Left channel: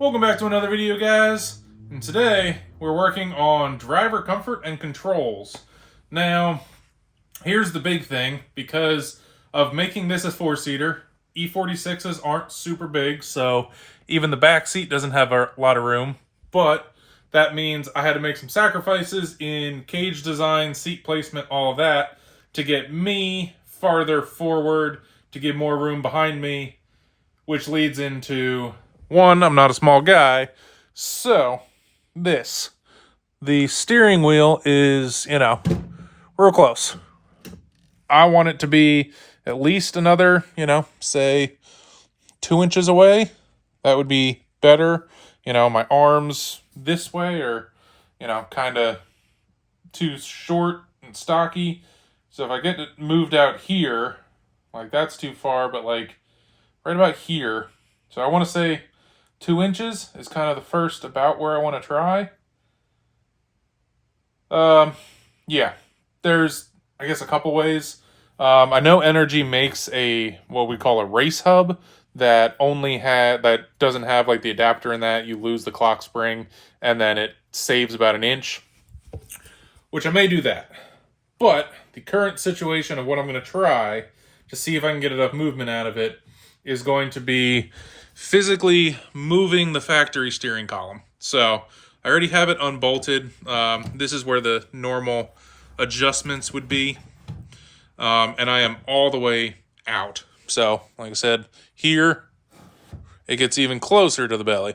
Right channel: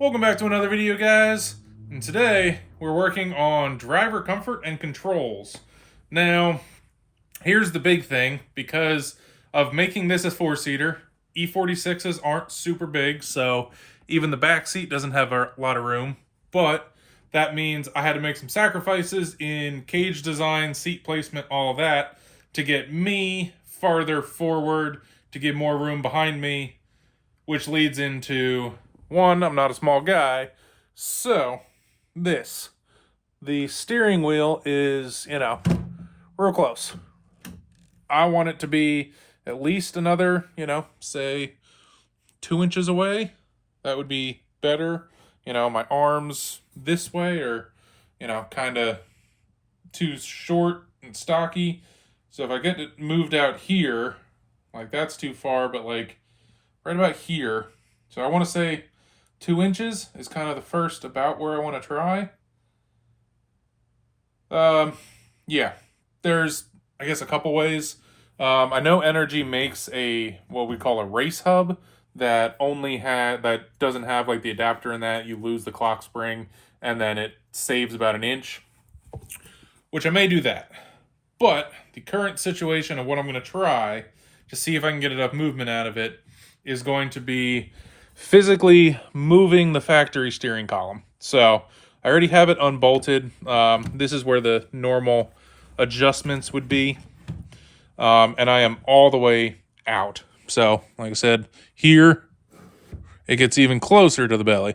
Welcome back to another video, guys. And today we're working on driver comfort and controls. Now, here's the big thing. Because of making this a four-seater, E46s aren't super big, so even the back seat doesn't have a lot of room. But that means I had to make some sacrifices in cage design, seat placement, all of that, to get me farther forward, to give more room behind me, which leads into, one, I'm not a small guy, so the steering wheel is, real close. I want it to be at least another, say 2 inches away. That would be better. My arms this way are, kind of too short and stocky. So if I get it moved out here, like that's too far, but like right about here. So I want to say 2 inches is kind of the first about where I want to try. Yeah, there's, I guess, a couple ways. I know Energy makes a, what we call a race hub that doesn't have like the adapter in that. You lose the clock spring and then it saves about an inch, which I may do that. But the current situation of what I'm going to try to see if I can get enough movement out of it is going to be physically moving the factory steering column. So I already have it unbolted. This is where the normal adjustments would be. And I am all the way out. So, like I said, here it gets even closer to the belly.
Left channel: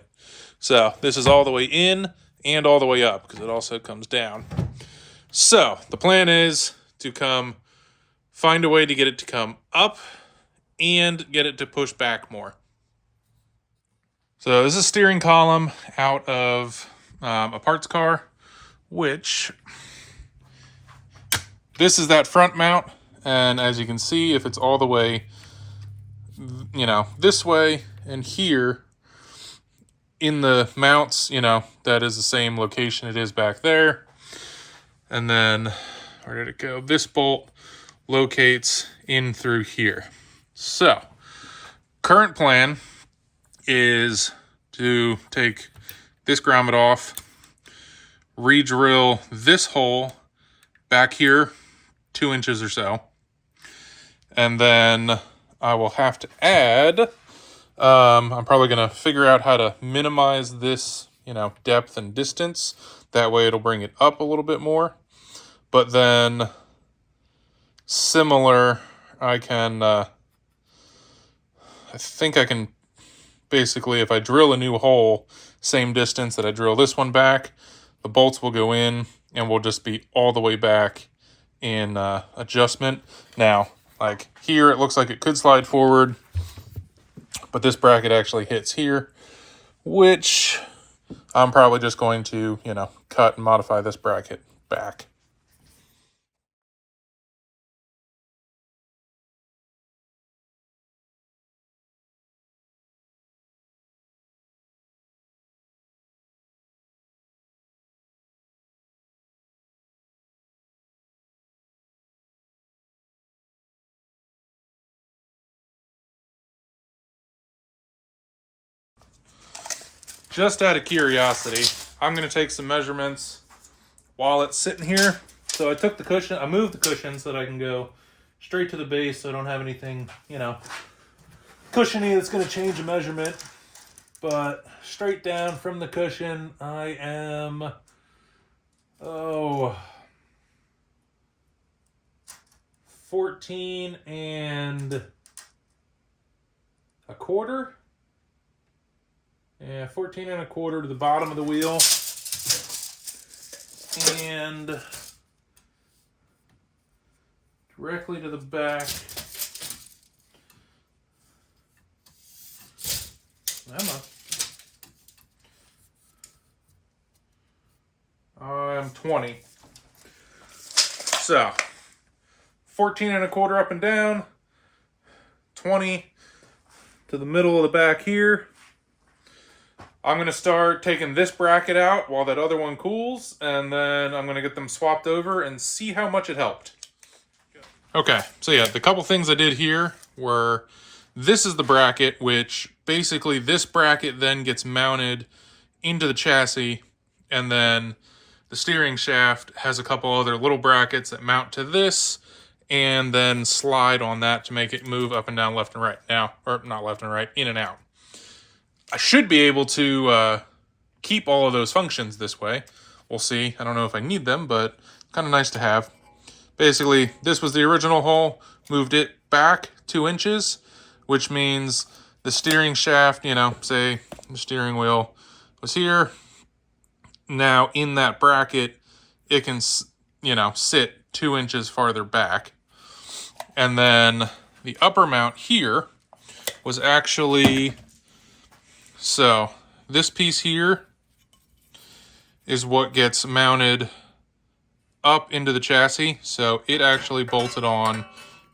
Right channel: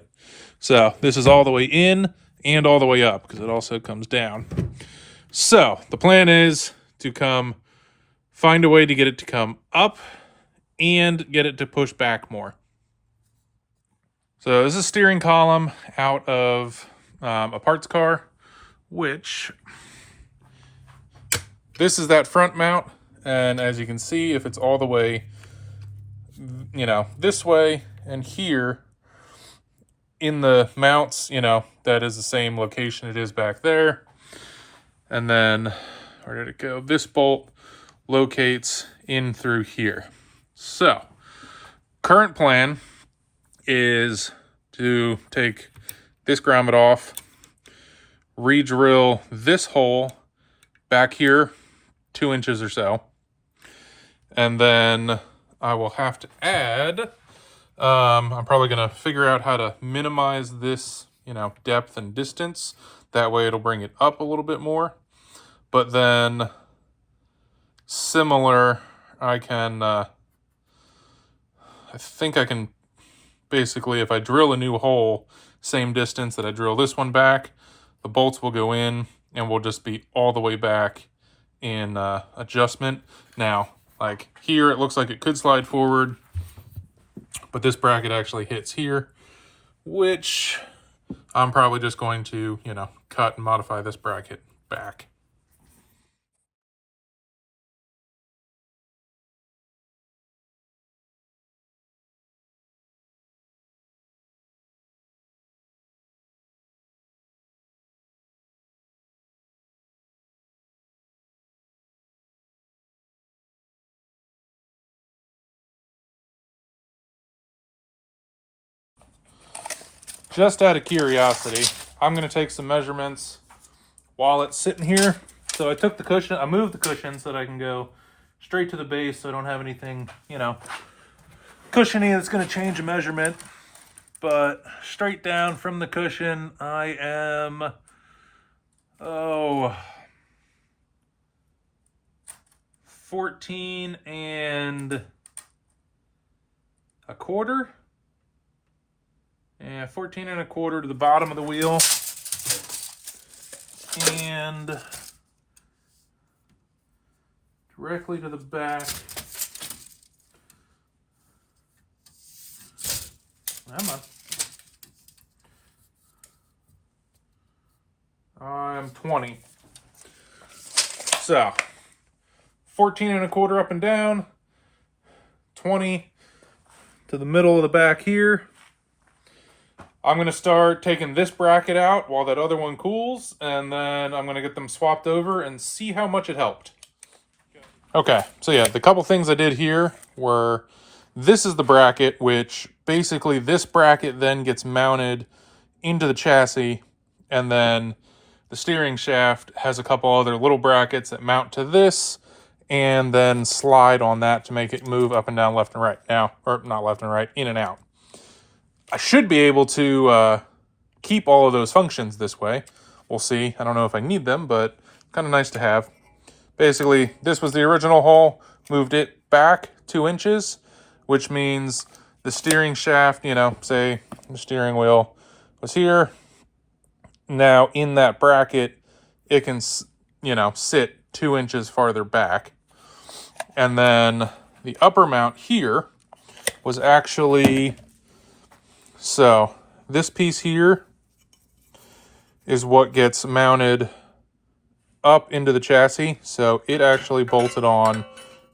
So this is all the way in and all the way up because it also comes down. So the plan is to find a way to get it to come up and get it to push back more. So this is steering column out of a parts car, which this is that front mount. And as you can see, if it's all the way, this way and here in the mounts, that is the same location it is back there. And then, where did it go? This bolt locates in through here. So, current plan is to take this grommet off, re-drill this hole back here 2 inches or so, and then I will have to add, I'm probably going to figure out how to minimize this, depth and distance. That way it'll bring it up a little bit more. But then similar, I think I can basically, if I drill a new hole, same distance that I drill this one back, the bolts will go in and we'll just be all the way back in adjustment. Now, like here, it looks like it could slide forward, but this bracket actually hits here, which I'm probably just going to, cut and modify this bracket back. Just out of curiosity, I'm going to take some measurements while it's sitting here. So I took the cushion, I moved the cushion so that I can go straight to the base so I don't have anything, cushiony that's going to change a measurement. But straight down from the cushion, I am, 14 and a quarter. Yeah, 14 and a quarter to the bottom of the wheel. And directly to the back. Come on. I'm 20. So, 14 and a quarter up and down. 20 to the middle of the back here. I'm going to start taking this bracket out while that other one cools, and then I'm going to get them swapped over and see how much it helped. Okay, so yeah, the couple things I did here were, this is the bracket, which basically this bracket then gets mounted into the chassis, and then the steering shaft has a couple other little brackets that mount to this and then slide on that to make it move up and down, left and right. Now, or not left and right, in and out. I should be able to keep all of those functions this way. We'll see. I don't know if I need them, but kind of nice to have. Basically, this was the original hull, moved it back 2 inches, which means the steering shaft, you know, say the steering wheel was here. Now in that bracket, it can, you know, sit 2 inches farther back. And then the upper mount here was actually, so this piece here is what gets mounted up into the chassis. So it actually bolted on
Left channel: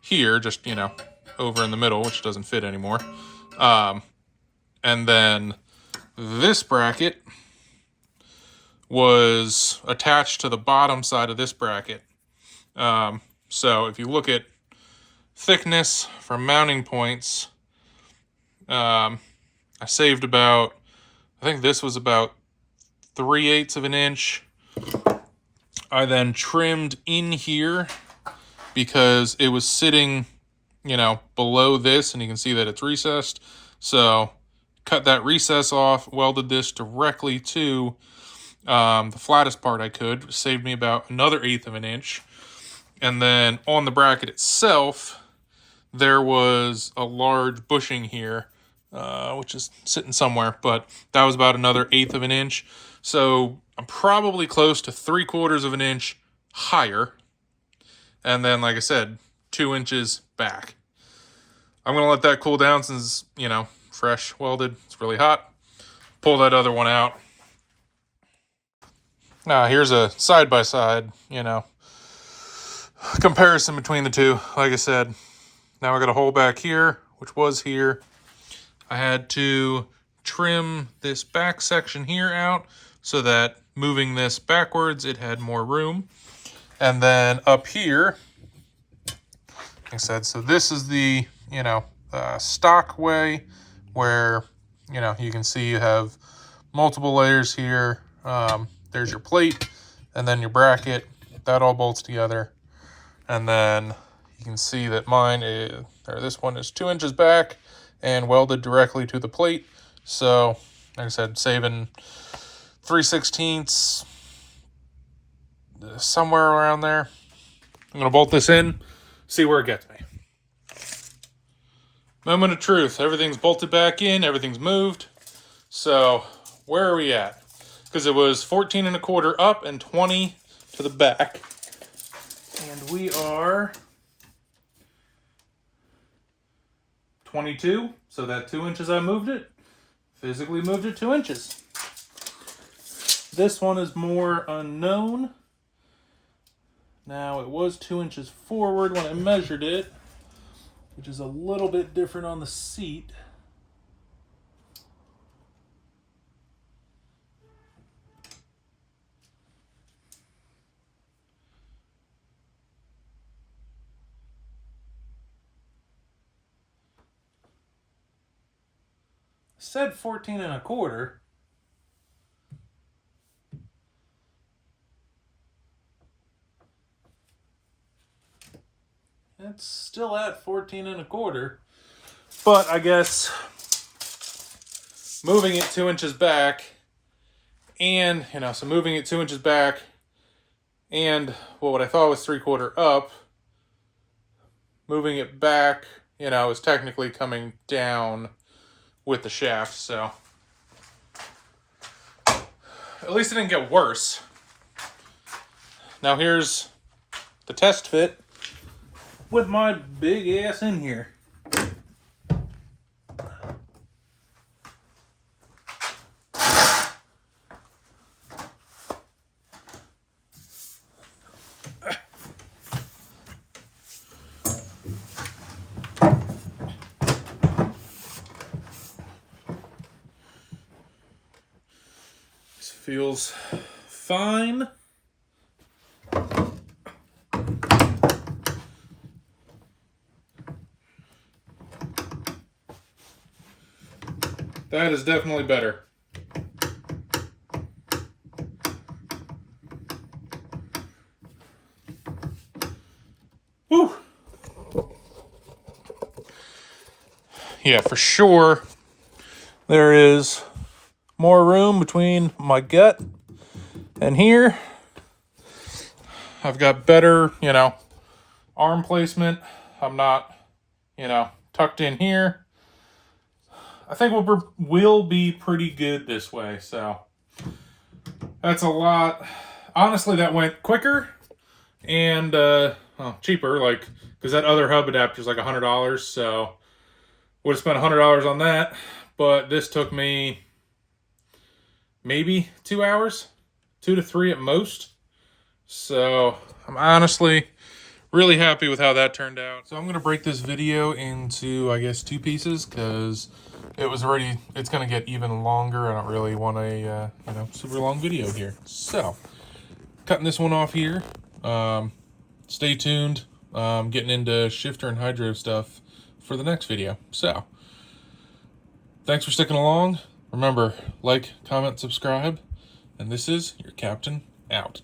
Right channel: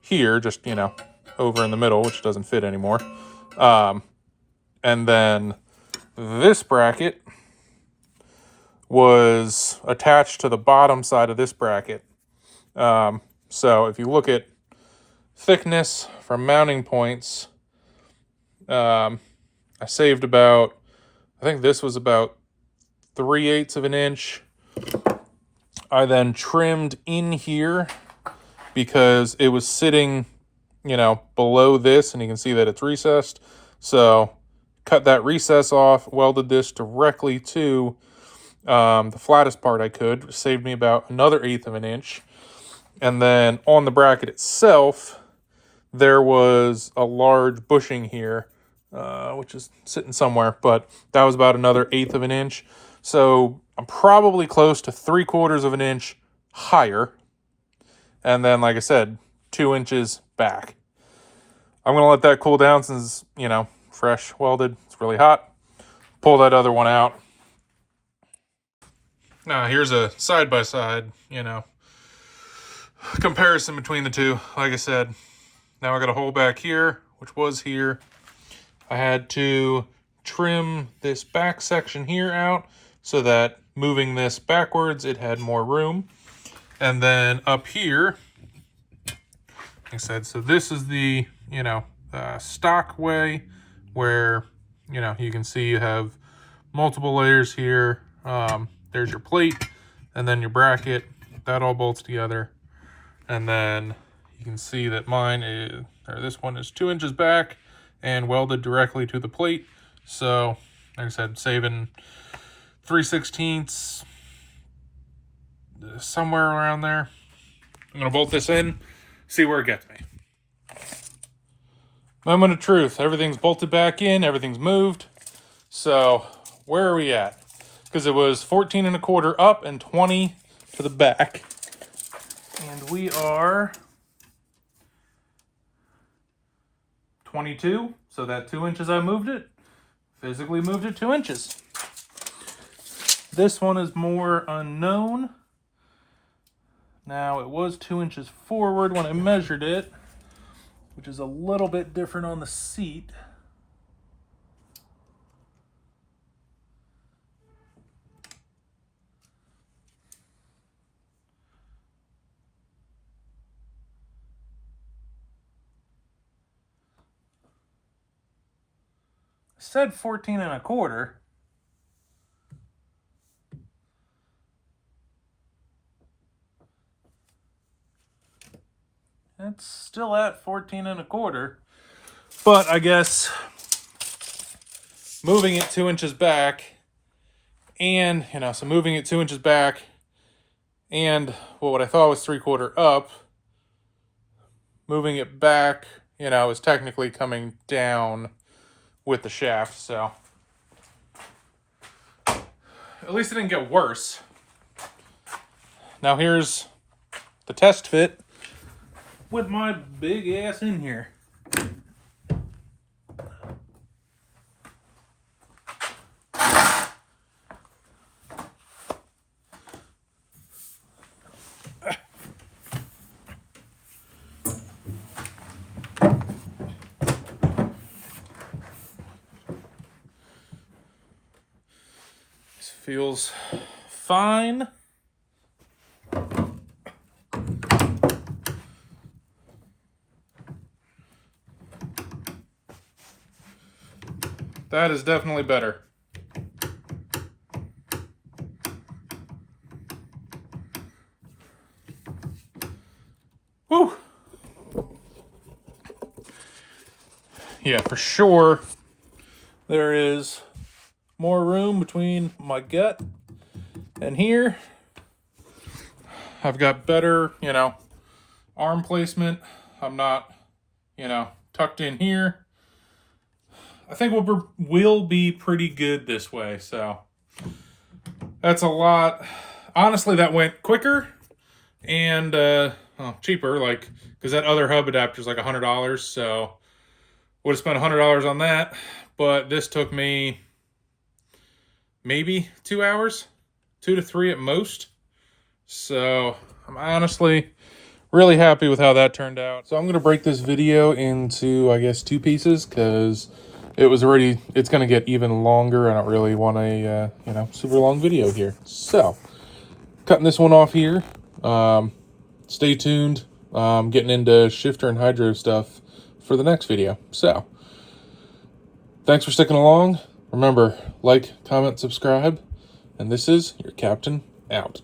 here, just, you know, over in the middle, which doesn't fit anymore. And then this bracket was attached to the bottom side of this bracket. So if you look at thickness from mounting points, I saved about, I think this was about 3/8 of an inch. I then trimmed in here because it was sitting, you know, below this, and you can see that it's recessed. So cut that recess off, welded this directly to the flattest part I could. Saved me about another 1/8 of an inch. And then on the bracket itself, there was a large bushing here, which is sitting somewhere, but that was about another 1/8 of an inch. So I'm probably close to 3/4 of an inch higher. And then, like I said, 2 inches back. I'm going to let that cool down since, you know, fresh welded. It's really hot. Pull that other one out. Now, here's a side-by-side, you know, comparison between the two. Like I said, now I got a hole back here, which was here. I had to trim this back section here out so that moving this backwards, it had more room. And then up here, like I said, so this is the, you know, stock way where, you know, you can see you have multiple layers here. There's your plate and then your bracket. That all bolts together. And then you can see that mine is, or this one is 2 inches back and welded directly to the plate. So, like I said, saving 3/16, somewhere around there. I'm going to bolt this in, see where it gets me. Moment of truth. Everything's bolted back in, everything's moved. So, where are we at? Because it was 14 1/4 up and 20 to the back. And we are 22, so that 2 inches I moved it, physically moved it 2 inches. This one is more unknown. Now, it was 2 inches forward when I measured it, which is a little bit different on the seat. Said 14 1/4. That's still at 14 1/4. But I guess moving it 2 inches back and, you know, so moving it 2 inches back and what I thought was 3/4 up, moving it back, you know, is technically coming down with the shaft, so at least it didn't get worse. Now here's the test fit with my big ass in here. Feels fine. That is definitely better. Whew. Yeah, for sure, there is more room between my gut and here. I've got better, arm placement. I'm not, tucked in here. I think we'll be pretty good this way, so that's a lot. Honestly, that went quicker and cheaper, because that other hub adapter is like $100, so would have spent $100 on that, but this took me maybe 2 hours, 2 to 3 at most. So I'm honestly really happy with how that turned out. So I'm going to break this video into, I guess, 2 pieces because it's going to get even longer. I don't really want a, super long video here. So cutting this one off here. Stay tuned. Getting into shifter and hydro stuff for the next video. So thanks for sticking along. Remember, like, comment, subscribe, and this is your Captain out.